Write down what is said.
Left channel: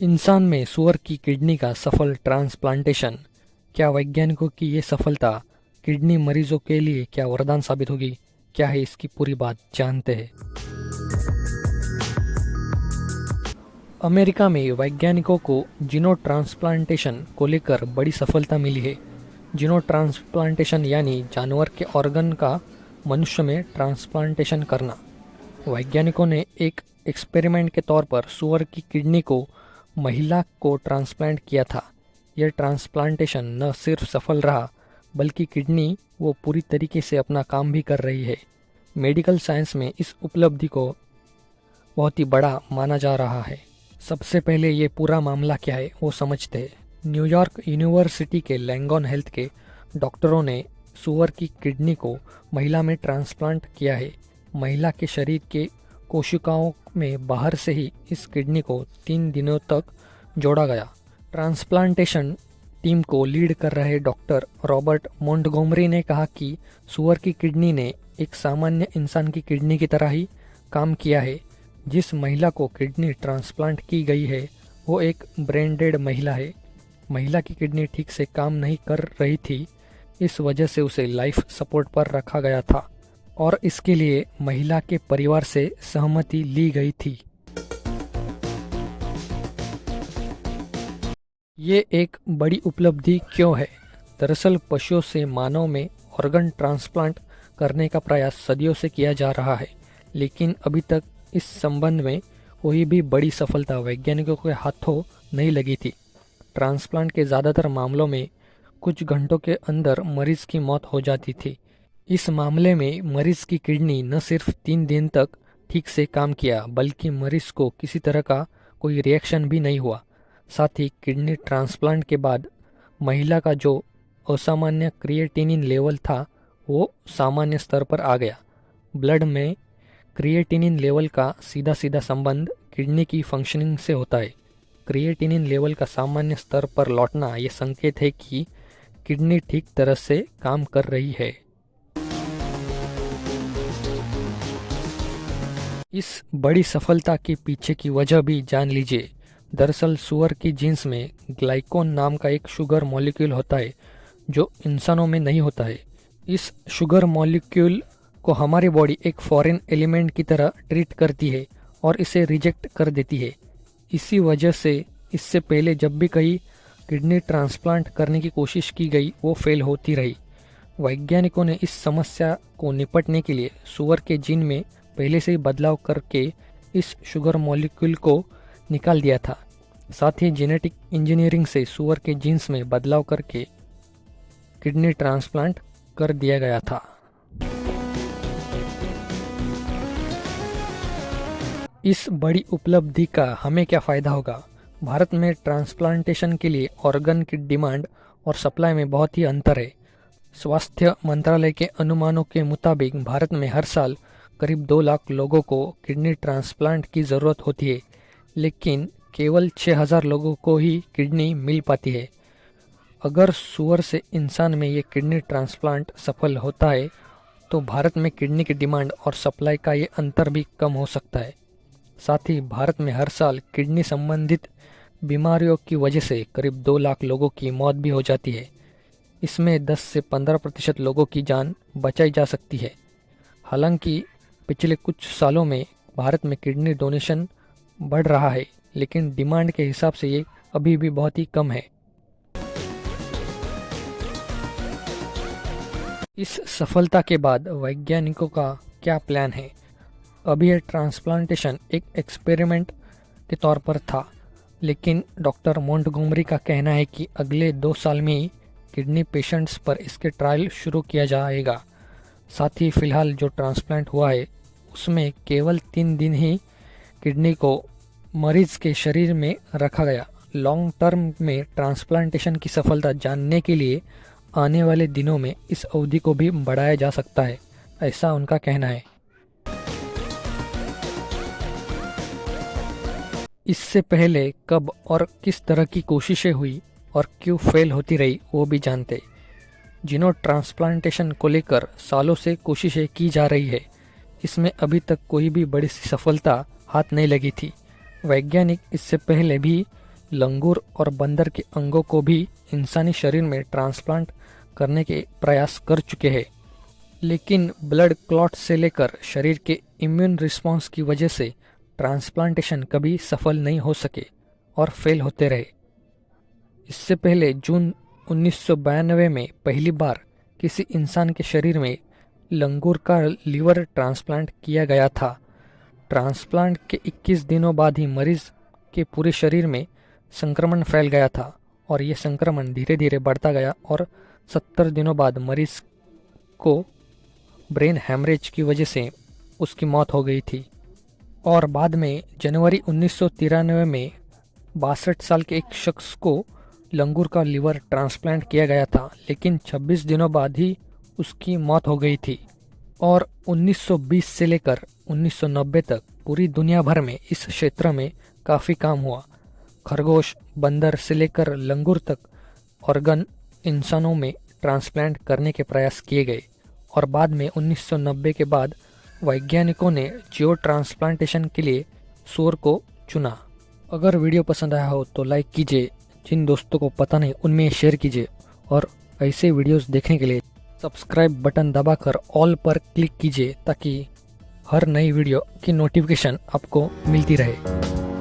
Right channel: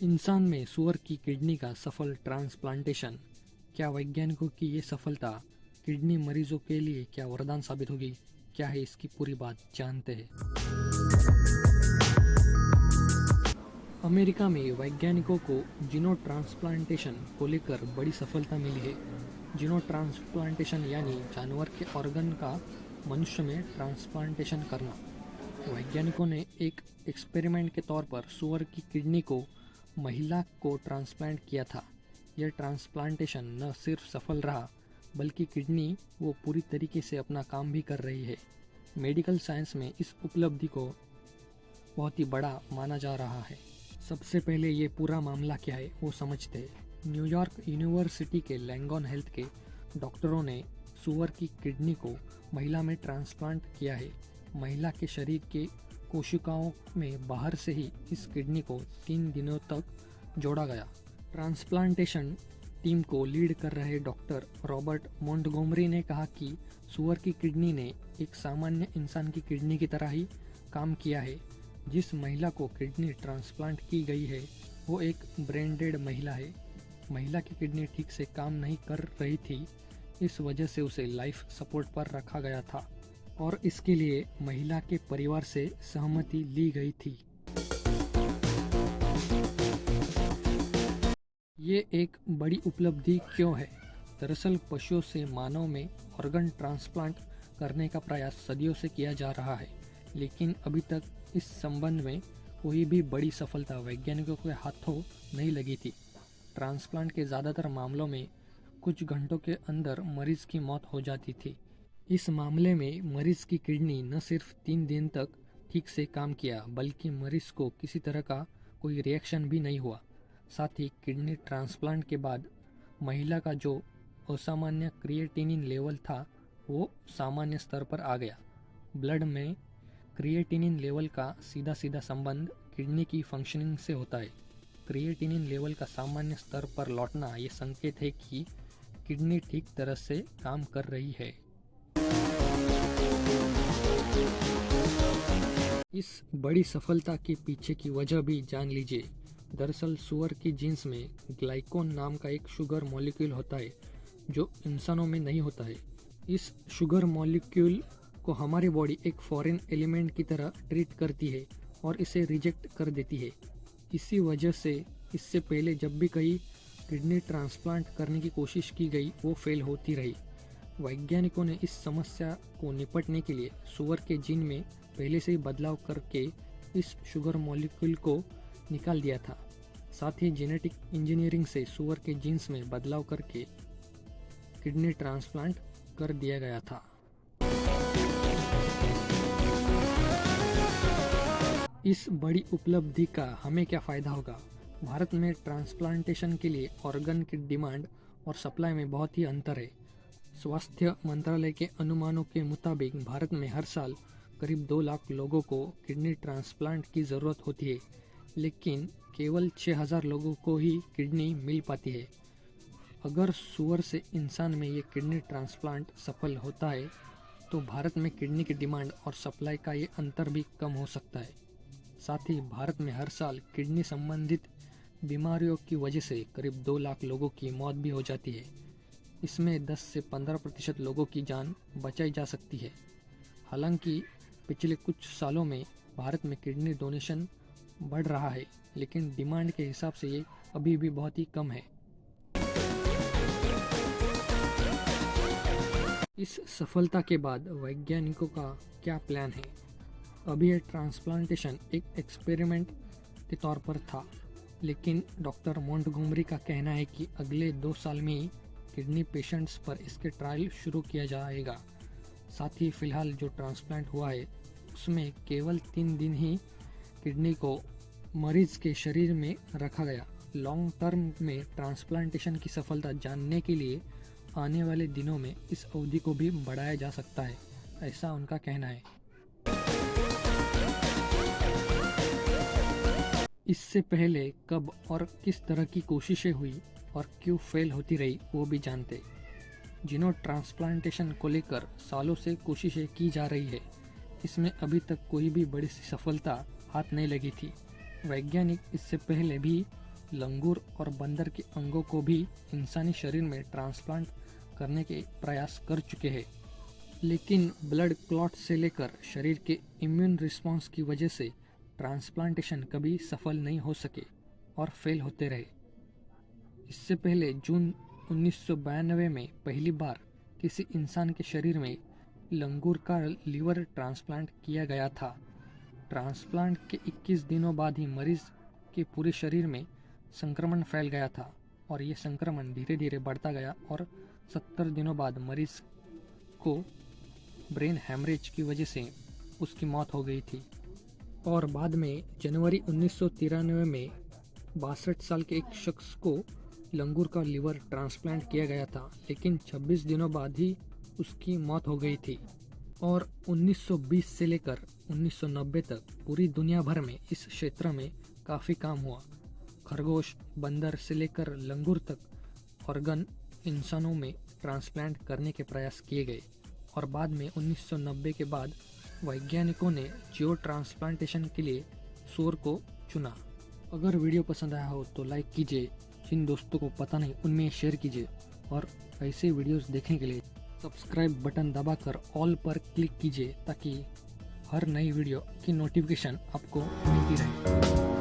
इंसान में सूअर की किडनी का सफल ट्रांसप्लांटेशन। क्या वैज्ञानिकों की ये सफलता किडनी मरीजों के लिए क्या वरदान साबित होगी? क्या है इसकी पूरी बात, जानते हैं। अमेरिका में वैज्ञानिकों को जीनो ट्रांसप्लांटेशन को लेकर बड़ी सफलता मिली है। जीनो ट्रांसप्लांटेशन यानी जानवर के ऑर्गन का मनुष्य में ट्रांसप्लांटेशन करना। वैज्ञानिकों ने एक एक्सपेरिमेंट के तौर पर सूअर की किडनी को महिला को ट्रांसप्लांट किया था। यह ट्रांसप्लांटेशन न सिर्फ सफल रहा, बल्कि किडनी वो पूरी तरीके से अपना काम भी कर रही है। मेडिकल साइंस में इस उपलब्धि को बहुत ही बड़ा माना जा रहा है। सबसे पहले ये पूरा मामला क्या है वो समझते हैं। न्यूयॉर्क यूनिवर्सिटी के लैंगॉन हेल्थ के डॉक्टरों ने सूअर की किडनी को महिला में ट्रांसप्लांट किया है। महिला के शरीर के कोशिकाओं में बाहर से ही इस किडनी को 3 दिनों तक जोड़ा गया। ट्रांसप्लांटेशन टीम को लीड कर रहे डॉक्टर रॉबर्ट मोंटगोमरी ने कहा कि सूअर की किडनी ने एक सामान्य इंसान की किडनी की तरह ही काम किया है। जिस महिला को किडनी ट्रांसप्लांट की गई है वो एक ब्रेन डेड महिला है। महिला की किडनी ठीक से काम नहीं कर रही थी, इस वजह से उसे लाइफ सपोर्ट पर रखा गया था और इसके लिए महिला के परिवार से सहमति ली गई थी। ये एक बड़ी उपलब्धि क्यों है? दरअसल पशुओं से मानव में ऑर्गन ट्रांसप्लांट करने का प्रयास सदियों से किया जा रहा है, लेकिन अभी तक इस संबंध में कोई भी बड़ी सफलता वैज्ञानिकों के हाथों नहीं लगी थी। ट्रांसप्लांट के ज़्यादातर मामलों में कुछ घंटों के अंदर मरीज की मौत हो जाती थी। इस मामले में मरीज की किडनी न सिर्फ 3 दिन तक ठीक से काम किया, बल्कि मरीज को किसी तरह का कोई रिएक्शन भी नहीं हुआ। साथ ही किडनी ट्रांसप्लांट के बाद महिला का जो असामान्य क्रिएटिनिन लेवल था वो सामान्य स्तर पर आ गया। ब्लड में क्रिएटिनिन लेवल का सीधा सीधा संबंध किडनी की फंक्शनिंग से होता है। क्रिएटिनिन लेवल का सामान्य स्तर पर लौटना ये संकेत है कि किडनी ठीक तरह से काम कर रही है। इस बड़ी सफलता के पीछे की वजह भी जान लीजिए। दरअसल सूअर की जीन्स में ग्लाइकोन नाम का एक शुगर मॉलिक्यूल होता है जो इंसानों में नहीं होता है। इस शुगर मॉलिक्यूल को हमारी बॉडी एक फॉरेन एलिमेंट की तरह ट्रीट करती है और इसे रिजेक्ट कर देती है। इसी वजह से इससे पहले जब भी कहीं किडनी ट्रांसप्लांट करने की कोशिश की गई वो फेल होती रही। वैज्ञानिकों ने इस समस्या को निपटने के लिए सूअर के जीन में पहले से ही बदलाव करके इस शुगर मॉलिक्यूल को निकाल दिया था। साथ ही जेनेटिक इंजीनियरिंग से सूअर के जीन्स में बदलाव करके किडनी ट्रांसप्लांट कर दिया गया था। इस बड़ी उपलब्धि का हमें क्या फ़ायदा होगा? भारत में ट्रांसप्लांटेशन के लिए ऑर्गन की डिमांड और सप्लाई में बहुत ही अंतर है। स्वास्थ्य मंत्रालय के अनुमानों के मुताबिक भारत में हर साल करीब 2 लाख लोगों को किडनी ट्रांसप्लांट की ज़रूरत होती है, लेकिन केवल 6,000 लोगों को ही किडनी मिल पाती है। अगर सूअर से इंसान में ये किडनी ट्रांसप्लांट सफल होता है तो भारत में किडनी की डिमांड और सप्लाई का ये अंतर भी कम हो सकता है। साथ ही भारत में हर साल किडनी संबंधित बीमारियों की वजह से करीब 2 लाख लोगों की मौत भी हो जाती है। इसमें 10 से 15% लोगों की जान बचाई जा सकती है। हालांकि पिछले कुछ सालों में भारत में किडनी डोनेशन बढ़ रहा है, लेकिन डिमांड के हिसाब से ये अभी भी बहुत ही कम है। इस सफलता के बाद वैज्ञानिकों का क्या प्लान है? अभी यह ट्रांसप्लांटेशन एक एक्सपेरिमेंट के तौर पर था, लेकिन डॉक्टर मोंटगोमरी का कहना है कि अगले 2 साल में ही किडनी पेशेंट्स पर इसके ट्रायल शुरू किया जाएगा। साथ ही फिलहाल जो ट्रांसप्लांट हुआ है उसमें केवल 3 दिन ही किडनी को मरीज के शरीर में रखा गया। लॉन्ग टर्म में ट्रांसप्लांटेशन की सफलता जानने के लिए आने वाले दिनों में इस अवधि को भी बढ़ाया जा सकता है, ऐसा उनका कहना है। इससे पहले कब और किस तरह की कोशिशें हुई और क्यों फेल होती रही वो भी जानते। जीनो ट्रांसप्लांटेशन को लेकर सालों से कोशिशें की जा रही है। इसमें अभी तक कोई भी बड़ी सी सफलता हाथ नहीं लगी थी। वैज्ञानिक इससे पहले भी लंगूर और बंदर के अंगों को भी इंसानी शरीर में ट्रांसप्लांट करने के प्रयास कर चुके हैं, लेकिन ब्लड क्लॉट से लेकर शरीर के इम्यून रिस्पॉन्स की वजह से ट्रांसप्लांटेशन कभी सफल नहीं हो सके और फेल होते रहे। इससे पहले जून 1992 में पहली बार किसी इंसान के शरीर में लंगूर का लीवर ट्रांसप्लांट किया गया था। ट्रांसप्लांट के 21 दिनों बाद ही मरीज के पूरे शरीर में संक्रमण फैल गया था और ये संक्रमण धीरे धीरे बढ़ता गया और 70 दिनों बाद मरीज को ब्रेन हैमरेज की वजह से उसकी मौत हो गई थी। और बाद में जनवरी 1993 में 62 साल के एक शख्स को लंगूर का लीवर ट्रांसप्लांट किया गया था, लेकिन 26 दिनों बाद ही उसकी मौत हो गई थी। और 1920 से लेकर 1990 तक पूरी दुनिया भर में इस क्षेत्र में काफ़ी काम हुआ। खरगोश, बंदर से लेकर लंगूर तक ऑर्गन इंसानों में ट्रांसप्लांट करने के प्रयास किए गए और बाद में 1990 के बाद वैज्ञानिकों ने जियो ट्रांसप्लांटेशन के लिए सूअर को चुना। अगर वीडियो पसंद आया हो तो लाइक कीजिए, जिन दोस्तों को पता नहीं उनमें शेयर कीजिए और ऐसे वीडियोस देखने के लिए सब्सक्राइब बटन दबाकर ऑल पर क्लिक कीजिए ताकि हर नई वीडियो की नोटिफिकेशन आपको मिलती रहे।